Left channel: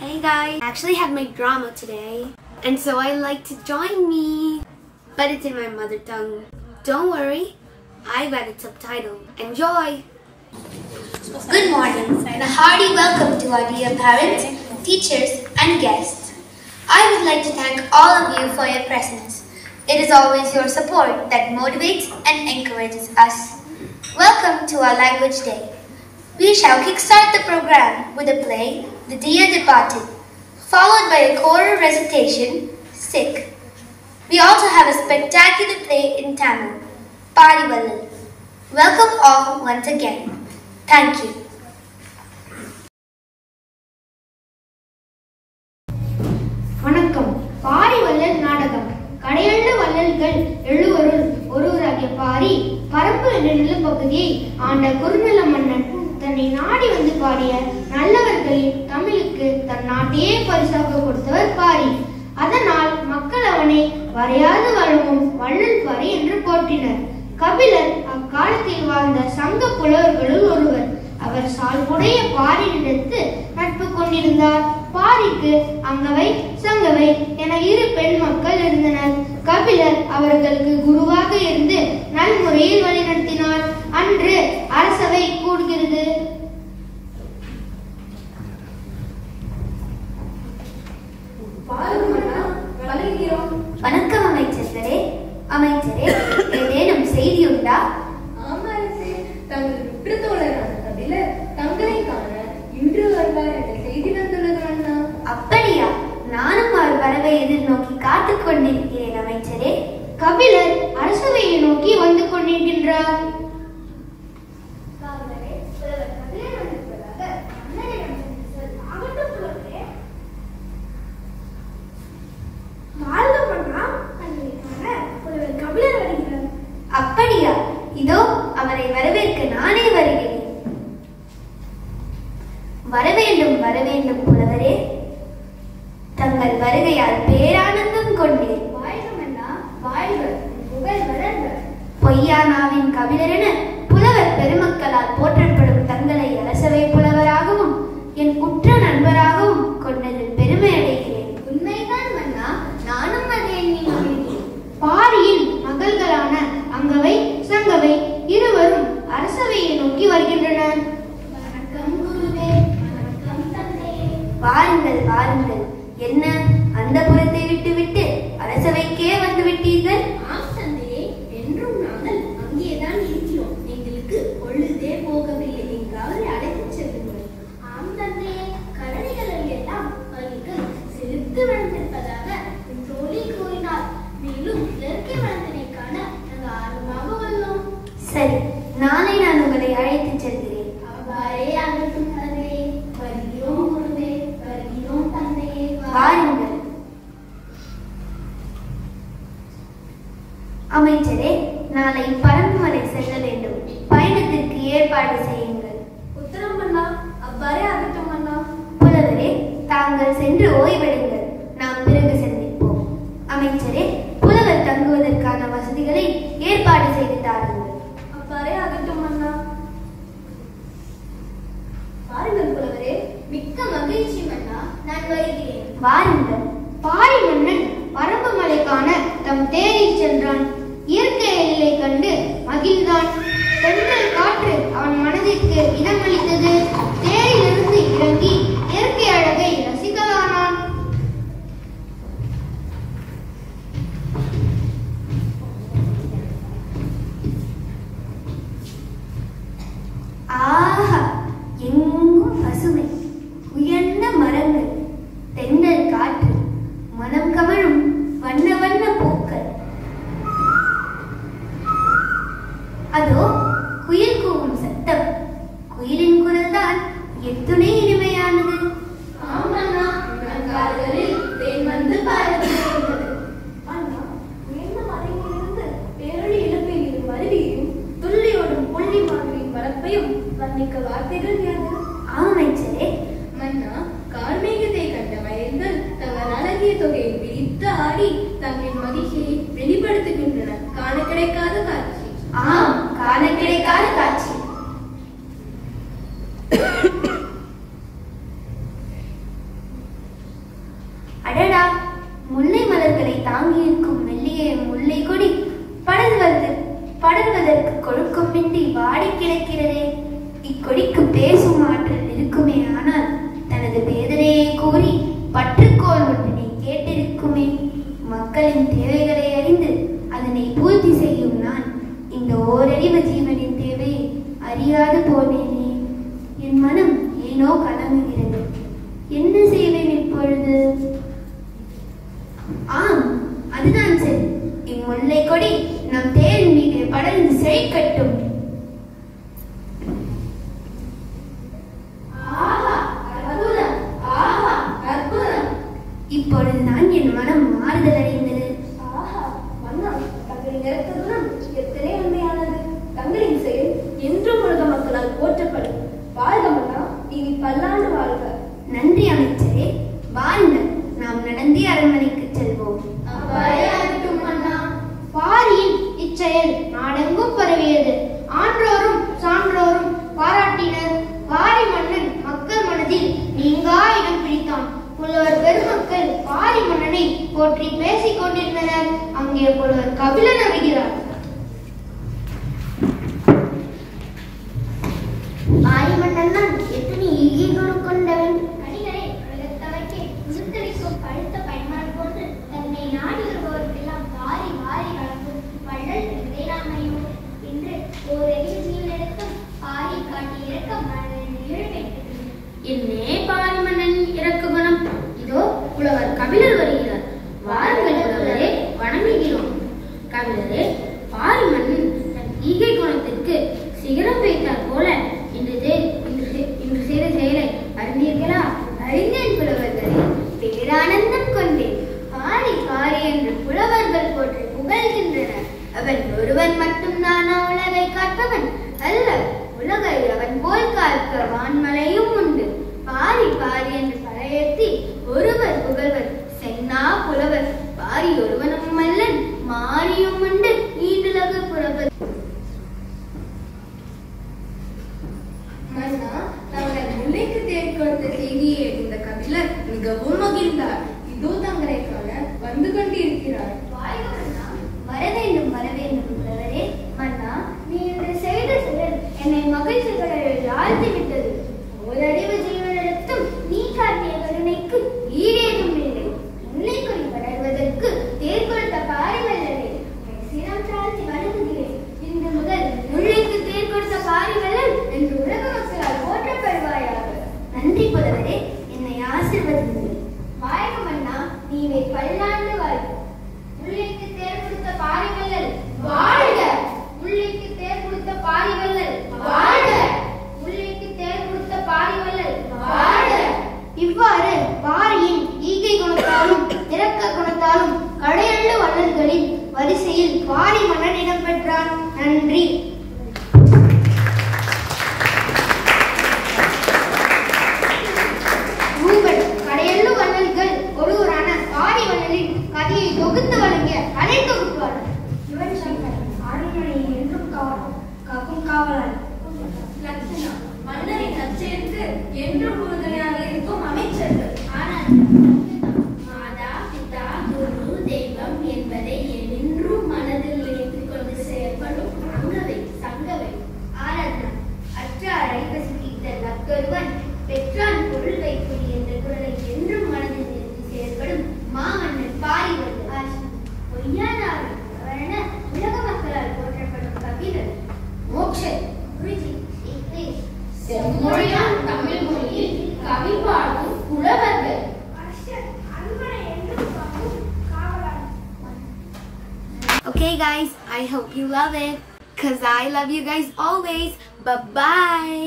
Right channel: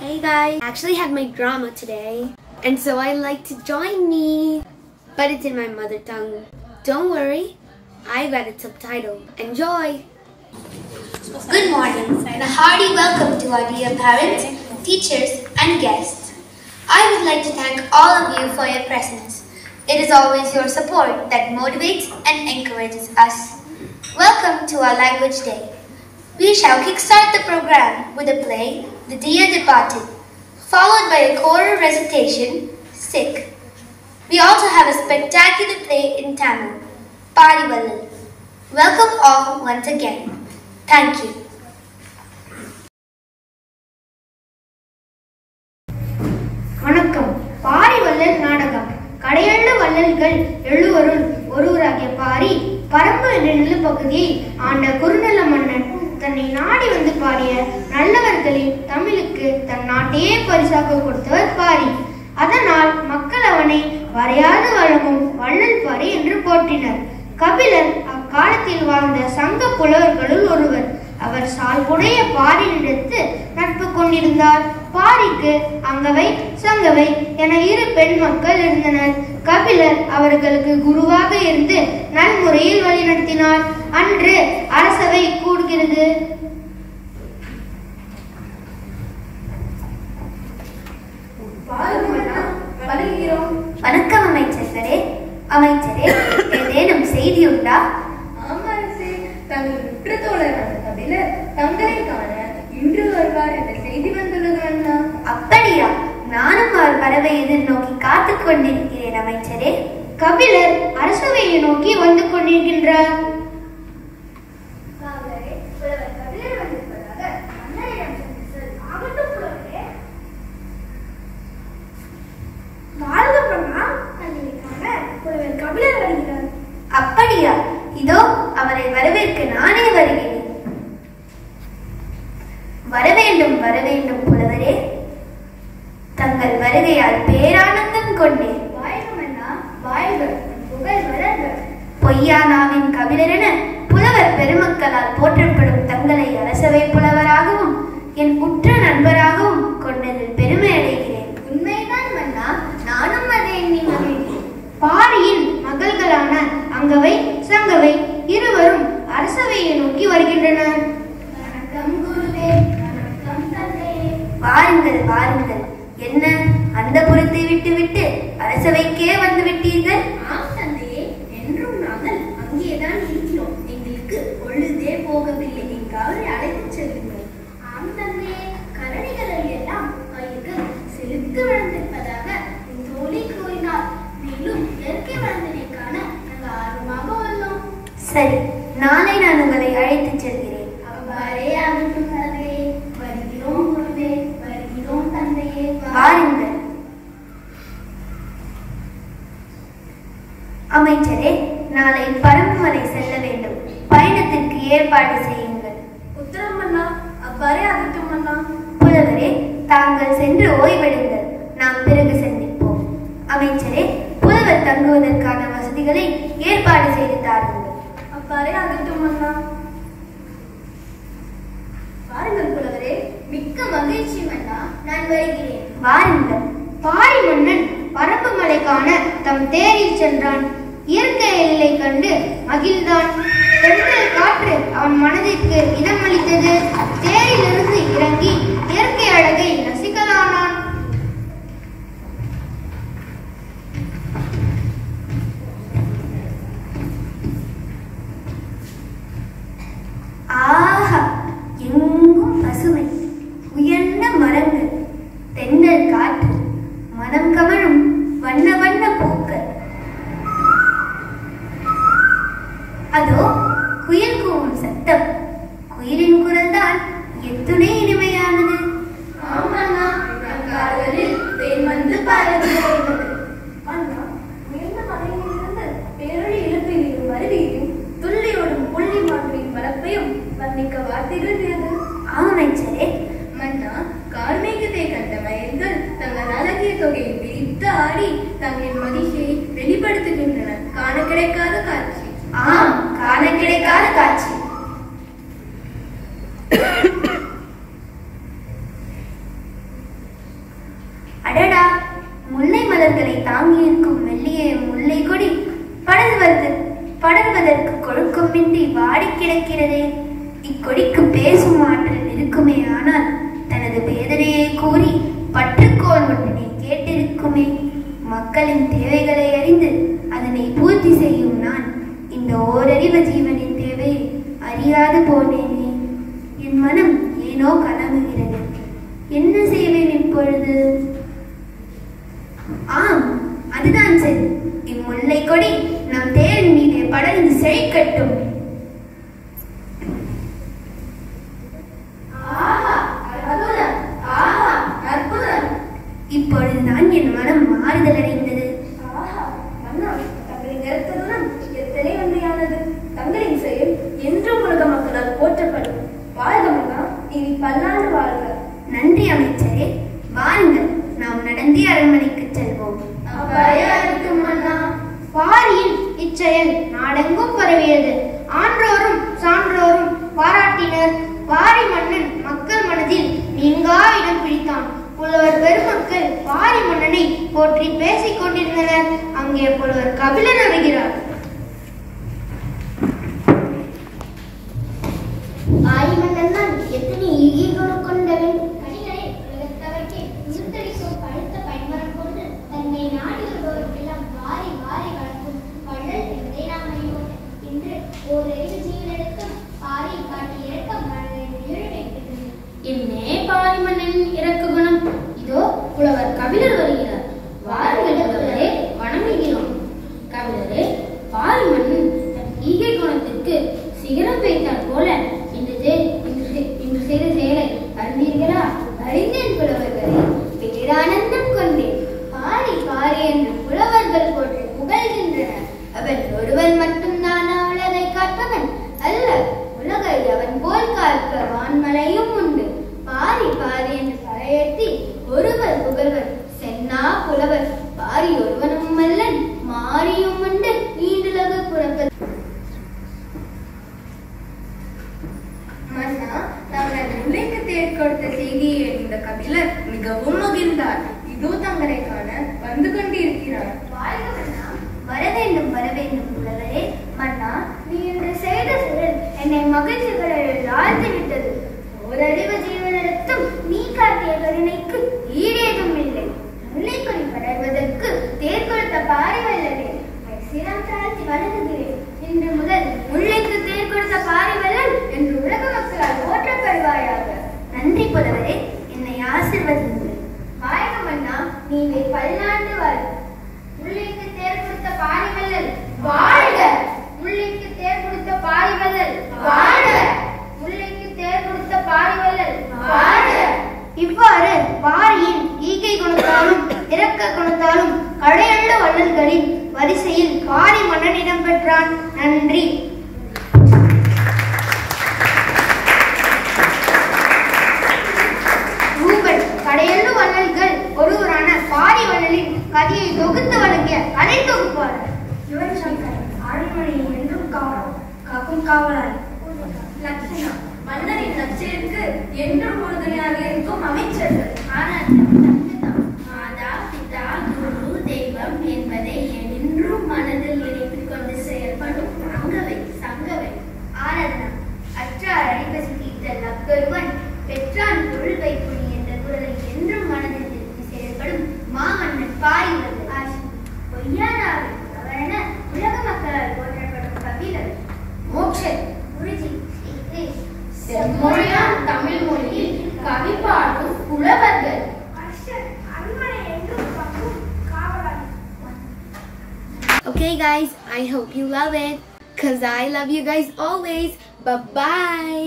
Hey guys, I actually had my drama today, and so I'd like to join me, but it's in my mother tongue. Don't worry, I've got it subtitled. Enjoy! Good morning and a hearty welcome to our dear parents, teachers and guests. I would like to thank all of you for your presence. It is always your support that motivates and encourages us. Welcome to our language day. We shall kickstart the program with a play, The Dear Departed, followed by a choral recitation, Sick. We also have a spectacular play in Tamil, Paadivallal. Welcome all once again. Thank you. வணக்கம். பாரிவள்ளல் நாடகம். கடையெழு வள்ளல்கள் எழுவருள் ஒருவராகிய பாரி பரம்பு என்ற நிலப்பகுதியை ஆண்ட குறுநில மன்னன் தன்னை நாடி வந்து பாடிய நல்லவர்களின் தமிழுக்கு தன் நாட்டையே பரிசாக கொடுத்தவர் பாரி. அதனால் மக்கள் அவனை வரையாது வழங்கும் வள்ளல் பாரி என்று போற்றினர். கபிலர் அக்காலத்தில் வாழ்ந்த சங்க புலவர்களுள் ஒருவர். அவர் சால்புடைய பாரியிடத்து நட்பு கொண்டிருந்தார். பாரிக்கு அங்கவை சங்கவை என இரு பெண் மக்கள் இருந்தனர். கபிலர் அவர்களுக்கு குருவாக இருந்து நல்முறையில் வழிநடத்தினார். அன்று அரசவை கூடுகிறது. வணக்கம் அமைச்சரே. ஏதேனும் செய்தி உண்டா? அரசே, தங்கள் உற்ற தோழரான கபிலர் தங்களை காண இன்று வருவார் என்ற செய்தி வந்துள்ளது அண்ணா. அப்படியா? நானும் அவர் வரவை எதிர்நோக்கி காத்துக் கொண்டிருக்கிறேன் அமைச்சரே. கபிலர் அரசவையை நோக்கி வந்து கொண்டிருக்கின்றார். அப்படியா? இதோ அவரை வரவேற்க நானே வருகிறேன். வரவேண்டும் வரவேண்டும் புலவரே. தங்கள் வருகையால் பேரானந்தம் கொண்டேன். பொய்யானாவின் கபிலரென புலவர் பெருமக்களால் போற்றப்படும் தங்களை அரசவை புலவராகவும் என் உற்ற நண்பராகவும் கொண்டதில் பெருமை அடைகிறேன். உண்மைதான் மன்னா, நானும் அதை எண்ணி மகிழ்கிறேன். பாரியின் மகள்களான அங்கவை சங்கவை இருவரும் அரசவையை நோக்கி வருகின்றனர். வாருங்கள் வாருங்கள். என்ன அந்த புறத்தை விட்டுவிட்டு அரசவைக்கே வந்து விட்டீர்கள்? ஆம் தந்தையே, என்றும் நாங்கள் அங்கேதான் இருக்கிறோம். எங்களுக்கு பொழுதே போகவில்லை. எங்காவது அழைத்துச் செல்லுங்கள். ஆம் தந்தையே, கரடிகள் எல்லாம் பயிர்கள் செலுத்து வளர்ந்திருப்பதாக என் தோழி கூறினார். மேலும் இயற்கை வளர்ந்ததற்கான நாங்கள் ஆர்வமாக உள்ளோம். சரி, நாளை நான் உங்களை அழைத்துச் செல்கிறேன். அவ்வாறே ஆகட்டும் தந்தையே. வருகிறோம் குருவே, வருகிறோம் தந்தையே. வாருங்கள். அமைச்சரே, நாளை பரம்புமலை செல்ல வேண்டும். பயணத்திற்கு ஏற்பாடு செய்யுங்கள். உத்தரம் அண்ணா. அவ்வாறே ஆகட்டும் அண்ணா. புலவரே, தாங்கள் சென்று ஓய்வெடுங்கள். நாம் பிறகு சந்திப்போம். அமைச்சரே, புலவர் தங்குவதற்கான வசதிகளை ஏற்பாடு செய்து தாருங்கள். அவ்வாறே ஆகட்டும் அண்ணா. வாருங்கள் புலவரே. மிக்க மகிழ்ச்சி அண்ணா. நான் வருகிறேன். வாருங்கள். பாரி மன்னன் பரம்பு மலைக்கான தம் தேரில் சென்றான். இயற்கை எழிலை கண்டு மகிழ்ந்தான். தென்றல் காற்று அவன் மனதிற்கு இடமளித்தது. தேரிலிருந்து இறங்கி இயற்கை அழகை ரசிக்கலானான். ஆஹா, எங்கும் பசுமை, உயர்ந்த மரங்கள், தென்றல் காற்று, மனம் கமழும் வண்ண வண்ண பூக்கள். அதோ குயில் கூவும் சத்தம். குயிலின் குரல் தான் எத்துணை இனிமையானது. அடடா, முல்லை மலர்களை தாங்கியிருக்கும் மெல்லிய முல்லை கொடி படர்வதற்கு கொடுக்குமின்றி வாடி கிடக்கிறதே. இக்கொடிக்கு பேசும் ஆற்றல் இருக்குமே, ஆனால் தனது வேதனையை கூறி பற்றுக்கோள் ஒன்றினை கேட்டிருக்குமே. மக்களின் தேவைகளை அறிந்து அதனை பூர்த்தி செய்யும் நான் இந்த ஓரறிவ ஜீவனின் தேவையை அறியாது போனேனே. என் மனம் ஏனோ கலங்குகிறது. என்ன செய்வேன் இப்பொழுது? ஆம், அதுதான் சரி. இம்முல்லை கொடி நம் தேரின் மீதே படர்ந்து செழிக்கட்டும். இப்பொழுதுதான் என் மனம் மாறுதல் அடைந்தது. தங்களின் நிறுத்ததுடன் எத்தனை நன்றியானது. தங்களின் செயல் என்றும் உலக மக்களால் போற்றப்படும். வாழ்க மன்னா, இனி பல்லாண்டு வாழ்க. நன்றி அமைச்சரே. வாருங்கள், நாம் நடந்தே அரண்மனைக்கு செல்வோம். பாரியின் இச்செயல் நாடெங்கும் பரவியது. ஆன்றோரும் சான்றோரும் பாராட்டினர். பாரி மன்னன் மக்கள் மனதில் நீங்கா இடம் பிடித்தான். புலவர் பெருமக்கள் பாரி மன்னனை போற்றி பேசிக் கொண்டிருந்தனர். அங்கே புலவர் கபிலன் வருகிறார். பாரி மன்னன் தான் எத்தனை ஈகைகள் கொண்டவன். கனிகளை உலகத்தவர்க்கே உயிர்த்தளிக்கும் பழுத்த பயன்மரம் போன்று தன்னை நாடி வருபவர்க்கெல்லாம் வாரி வாரி வழங்கும் வள்ளல் என்பதை நாம் அறிவோம். இன்று ஓரறிவு ஜீவனிடத்தும் பாரி காட்டி இறக்கம் மனதை ஏழு வைக்கிறது. என்னே பாரி மன்னன் இறக்கு குணம்! இதோ புலவர் கபிலர் வருகிறார். வாருங்கள் புலவரே, வணங்குகிறோம். கபிலரே, பாரி மன்னன் தன் ஈகை குணத்திற்கு சிகரம் வைத்தார் போல இன்று செய்த செயலை அறிந்தீர்களா? அறிந்தேன் புலவர்களே, பேரானந்தம் கொண்டேன். பாரி பாரி என்று புலவர்கள் போட்டு புகழ்கின்றனர். அவன் ஒருவன் மட்டும்தானா உலகை காப்பவன்? அல்ல, உலகை அவன் போல் காக்க வான்மலையும் உண்டு. பாரி பாரி என்று பறையேற்றி ஒருவர் புகழ்வர் சென்னா புலவர். பாரி ஒருவனும் அல்லன், மாரியும் உண்டு ஈண்டுலக புறவர். மன்னா, தாங்கள் முல்லைக்கு தேர் கொடுத்த செய்தியை அறிந்த கபிலர் மிகவும் மகிழ்ந்தார். இதோ தங்களை காண வந்து கொண்டிருக்கிறார். வாழ்க மன்னா, வர வேண்டும் வர வேண்டும் புலவரே. மன்னா, நீ இன்று செய்த செயல் என்னை மகிழ்ச்சி கடலில் ஆழ்த்திவிட்டது. ஓரறிவு ஜீவனிடத்தும் நீ காட்டிய கருணைக்கு ஈடேதும் இல்லை. முல்லைக்கொடி படர்வதற்கு தேர் கொடுத்த பாரி வல்லலே, சிரம் தாழ்த்தி வணங்குகிறேன். இன்று முதல் முல்லைக்கு தேர் கொடுத்த பாரி வல்லல் என்று உலக மக்களால் போற்றப்படுவாயாக. நன்றி புலவரே, என்னை ஆசீர்வதிங்கள். வாழ்க மன்னா, நீவே பல்லாண்டு வாழ்க. முல்லைக்கு தேர் கொடுத்த பாரி வல்லல் வாழ்க. முல்லைக்கு தேர் கொடுத்த பாரி வல்லல் வாழ்க. முல்லைக்கு தேர் கொடுத்த பாரி வல்லல் வாழ்க. இவ்வாறு பாரியின் ஈகை குணத்தாலும் இரக்க குணத்தாலும் கடையுள்ள வள்ளல்களின் வரிசையில் பாரி மன்னன் இடம் பெற்றான். நன்றி. ரூபன் கடையுள்ள வள்ளல்கள் ஒருவரான பாரி வள்ளலின் கதையை தொகுத்து வழங்கிய கலை தொகுப்பாளர் யுவன் சங்கர் அரண்மனை என்றும் காக்கும் காவலாளி. லட்சணா மன்னரின் நச்சரிக்கு என்றும் உறுதுணையாக இருக்கும் அமைச்சர்கள். மாதா பிதா குரு தெய்வம் என்பதை என்றும் மனதில் நினைத்துக் கொண்டு செயல்படும் அங்கவை சங்கவை. ஆராதனா அற்றார் அடிபசிக்கிட்ட நக்கொருவன் பெற்றான் பொருள் வைப்புடி என்ற குரலை என்றும் மனதில் நிறுத்தி செயல்படும் மாமன்னன் பாரி வள்ளல். பொய்யானாவை அவரென உலக மக்களால் போற்றப்படும் கபிலர். மோட்சர் குருஜி செம்மொழியாம் தமிழ் மொழியில் கவி பாடும் புலவர்கள். Okay guys, I hope you love it, cause I love you guys always. Bye bye.